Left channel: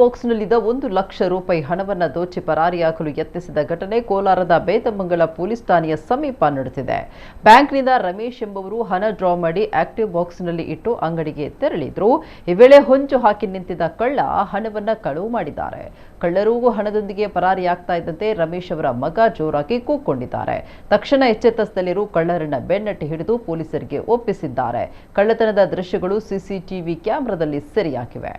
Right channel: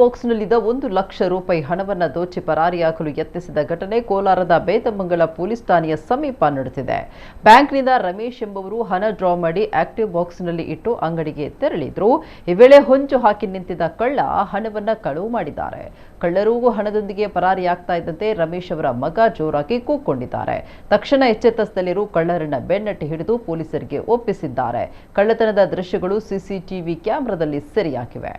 ಬಾಕ್ಸ್ನಲ್ಲಿದ್ದ 1 ಲಕ್ಷ ರೂಪಾಯಿ ಹಣವನ್ನು ದೋಚಿ ಪರಾರಿಯಾಗಲು ಯತ್ನಿಸಿದ ಘಟನೆ ಕೋಲಾರದ ಬೇತಮಂಗಲ ಪೊಲೀಸ್ ಠಾಣೆಯ ಸಮೀಪ ನಡೆದಿದೆ. ಬ್ಯಾಂಕ್ನಿಂದ ರಮೇಶ್ ಎಂಬುವರು ಹಣ ಡ್ರಾ ಮಾಡಿ ಆಕ್ಟಿವ್ ಬಾಕ್ಸ್ನಲ್ಲಿ ಇಟ್ಟು ಅಂಗಡಿಗೆ ತೆರಳಿದ್ರು. ಈ ವೇಳೆ ಹೊಂಚು ಹಾಕಿ ನಿಂತಿದ್ದ ಕಳ್ಳ ಹಣವನ್ನು ಕಳವು ಮಾಡಿದ್ದಾರೆ. ಕಳ್ಳರು ಹಣದೊಂದಿಗೆ ಪರಾರಿಯಾಗ್ತಾ ಇದ್ದಂತೆ ರಮೇಶ್ ಅವರ ಮಗ ಜೋರಾಗಿ ಕೂಗ್ಕೊಂಡಿದ್ದಾರೆ. ತಕ್ಷಣ ಎಚ್ಚೆತ್ತ ಸ್ಥಳೀಯರು ಕಳ್ಳರನ್ನ ಬೆನ್ನಟ್ಟಿ ಹಿಡಿದು ಪೊಲೀಸರಿಗೆ ಒಪ್ಪಿಸಿದ್ದಾರೆ. ಕಳ್ಳತನದ ದೃಶ್ಯಗಳು ಸಿಸಿಟಿವಿ ಕ್ಯಾಮೆರಾದಲ್ಲಿ ಸೆರೆಯಾಗಿವೆ.